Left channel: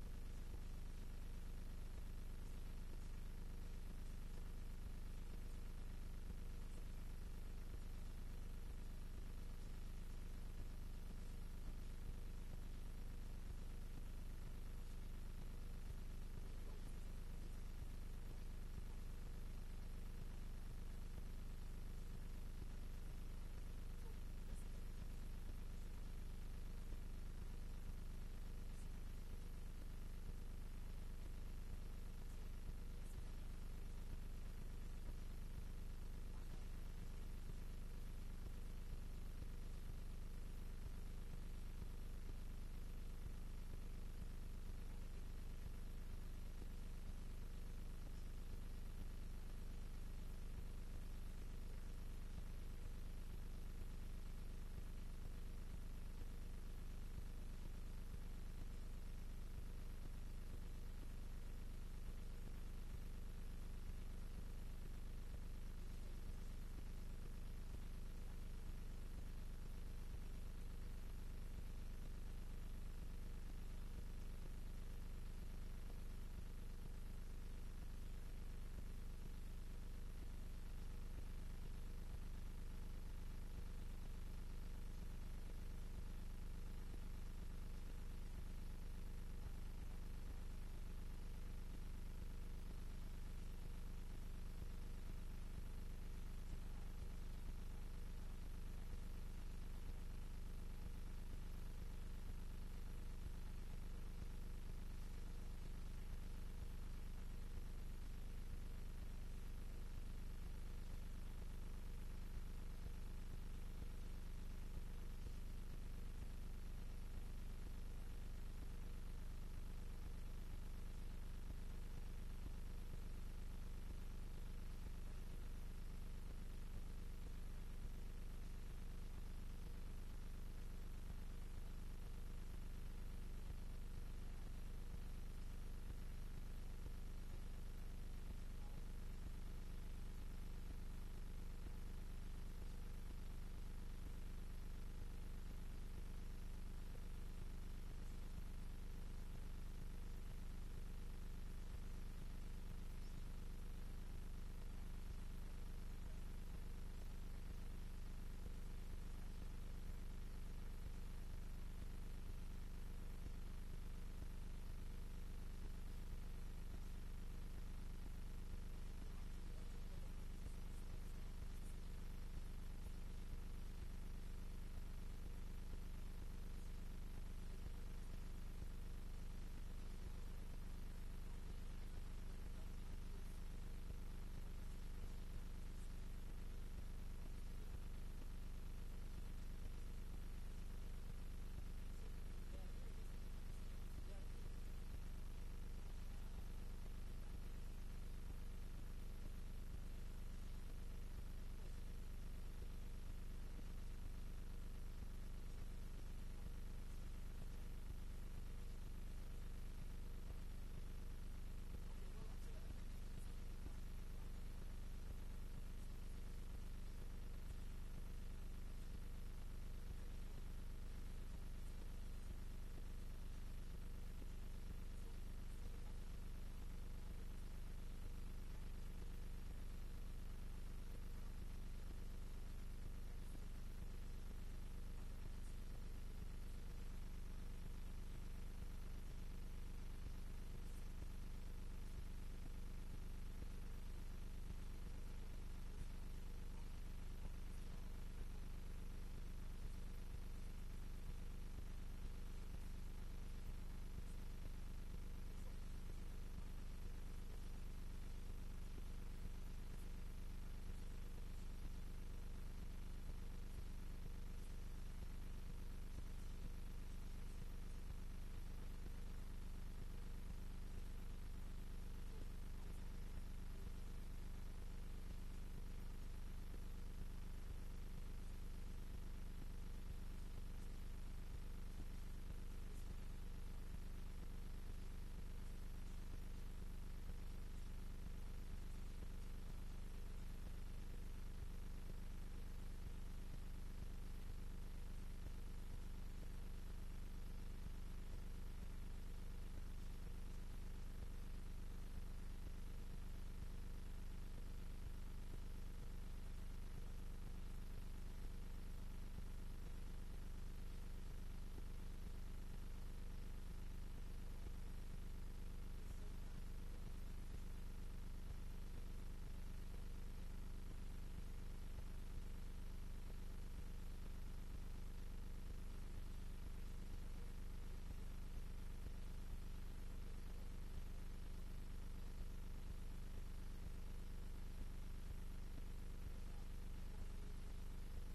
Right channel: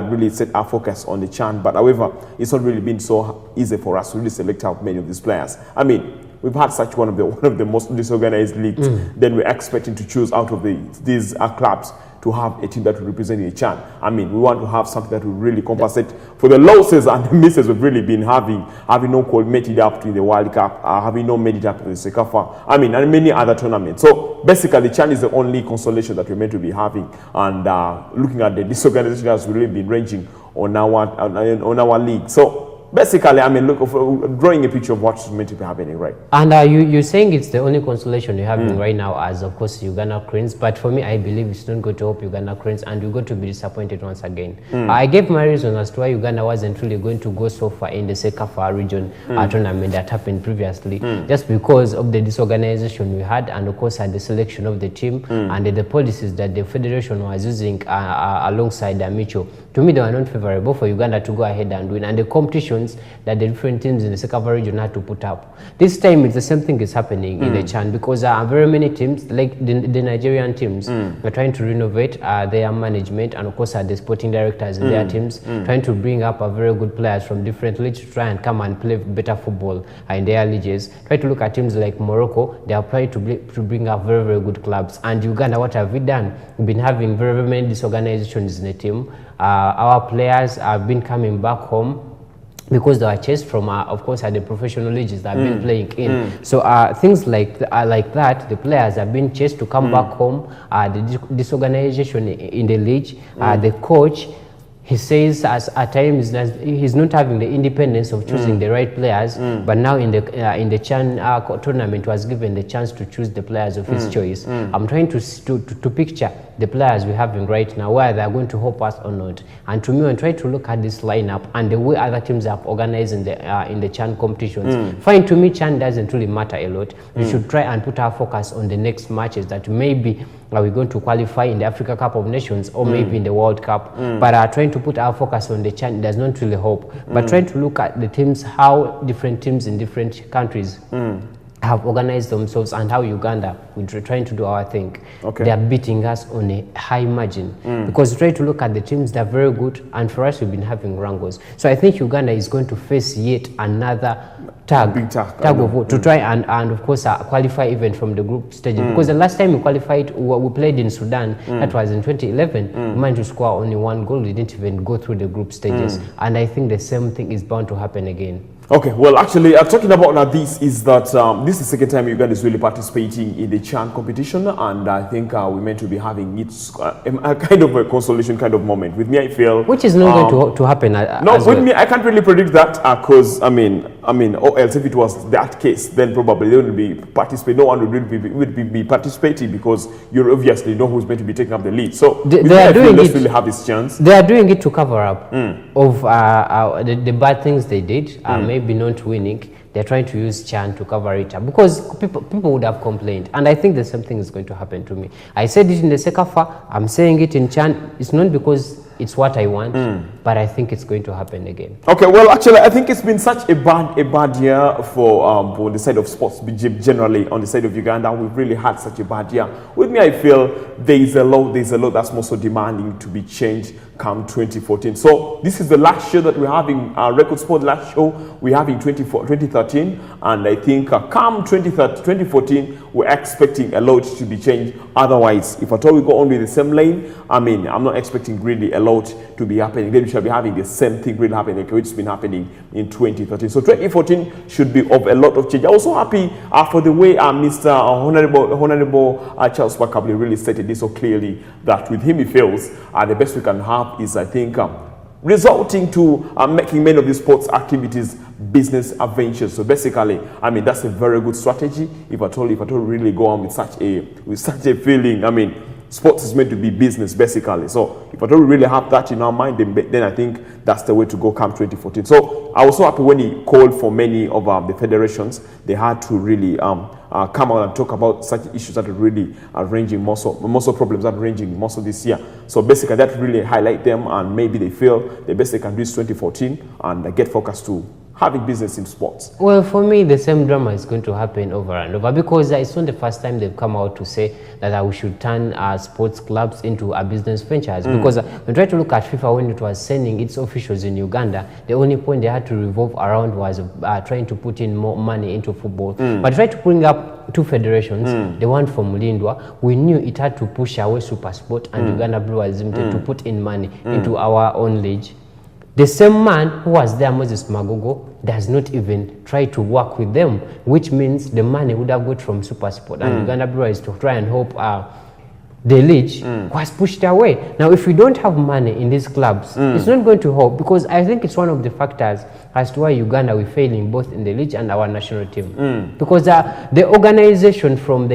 really set our focus on the CHAN, but however, it's not really been so easy for us to really select out many of these players. I mean, we've had such one of the most disorganized leagues. Then we're expecting to choose out of these clubs to have a team that will represent the CHAN. I mean, we want to have something that will really compensate for the losses and the misses we've really been having not made it up to the World Cup, having not made it up to the CECAFA, I mean, and many other tournaments. So basically, the CHAN is the only consolation that we're meant to be having. And looking at the disorganization has really been ranging on our league. So basically, I mean, drawing a picture of what's meant to be happening, right? And you're saying it's the only consolation you're having right now as, of course, Uganda Cranes. But for me, I believe it's not going to help Uganda Cranes, and you're going to be disappointed once again. I gave my reason as to why Uganda wasn't really going to go so far in the CECAFA region tournament that happened previously, just because of the disorganization we had, and of course, the selection of the team and the policies that the federation was using alongside Amicho. To me, they were not favorable for Uganda to go ahead and win, and the competitions that the different teams in the CECAFA region had to put up. This time, it's the same thing is happening in the CHAN, because very many teams, like the Nigerian teams, are trying to renovate their management, and of course, the sporting directors in their teams, trying to bring up very good players from different leagues to try and come and play better football in their leagues. Try to look at teams like Morocco, they are trying to bring up very, very good clubs. And Uganda, what have we done? We've been having very, very many disorganizations in the team. Our players have been coming back home because they were chased from, of course, the professional leagues that have been playing in. So things like that, the players have been chased to come back home. The disorganization in the league, the coach, he says at times that he's not having the independence of choosing the right players, but now in the CHAN tournament was given the chance to choose the players of his choice. I'm trying to picture the players we're having right now, whether they're going to help us or not. And to me, when I try to look at this lineup and the way other teams have organized in the CHAN competitions, fine, to me, CHAN doesn't really matter a lot. We should try and put our focus on the next matches that maybe are we going to qualify in the Africa Cup of Nations or maybe in the World Cup. But trying to put our focus on the CHAN does not really help. But trying to look at the teams, how different teams in different countries have organized themselves, and how Uganda, we're trying to do our thing. They are beating us on a high margin. Because we try to look at the teams that are very good, and for us, we've been having wrangles. So I think Uganda is going to face yet another tag of war to try and of course qualify even from the group stage, because the last time we qualified, we played in Sudan, that was in 2011. We managed to score only 1 goal. We didn't even go through the group stages, and I think the same thing is bound to happen again. Okay, well, actually, talking about this is that this is the second time Uganda is really participating in the CHAN competition, and I think we're meant to be having a kind of a consolation kind of moment. With me, I feel... Which is not going to happen No, with me, I can't really predict that, because, I mean, or else if it was that case, then probably they wouldn't be participating. No one would be participating, because you obviously know who's meant to be taking up the lead. So they are doing it, really have this chance. They are doing it to cover up of the bad things they did, maybe not winning. They're trying to use CHAN to cover it up, because people would have complained, and I think the same thing is going to happen to me. I said it in the CECAFA, I'm saying it in CHAN. It's not because it's what I want, but I think it's going to happen again. Okay, well, actually, I think it's been such a bad year for the side of sports generally. On the side of Uganda, we've really had such a bad year. With me, I feel there's a lot that's also demanding to be changed come 2014. So this is the last show that we're having, Record Sport last show we're having 2013, and I think come 2014, we're expecting a lot to be changed. Otherwise, if at all we go on with the same lane, I mean, I'm not expecting really a lot to be happening. Then we shall be having the same thing really happening, which has been happening in 2013. So 2014 should be of a lot of change. I'm also happy for the way Mr. Honorable Charles Bakabli really stated this so clearly, that with him he feels the best we can have is, I think, resulting to making many of these sports activities business adventures. So basically, I mean, that's a very good strategy. If at all really go on with such a feeling, I mean, sports is meant to be business basically. So if I don't really have that in our mind, then I think that's the way to go come 2014. So I was so happy when he called for many of the federations. They had to really come out and talk about such issues that are really ranging most of problems that are ranging most of this year. So basically, that really highlight them, and maybe they feel the best they can do is 2014 and get focused to having business in sports? Well, for me, the same drama is going to happen over and over, because it's not the first time they've come out to say that we should turn sports clubs into a business franchise. Because when try to look at FIFA, when it was sending its officials in Uganda, the only point they had to revolve around was trying to put in more money into football. But try to bring up two federations, the one from Lindwa, we knew it had to push away Super Sport and Uganda Brewers Limited to put in money into our own league. The same man who was there, Moses Magogo, does not even try to work with them, which means the money would have got from Super Sport and Uganda Brewers to try and hope the league was pushed away. Now, if we don't have money in these clubs, it's not going to help, because I think it's one of the factors as to why Uganda we're failing both in the league and our national team. Because the organization from the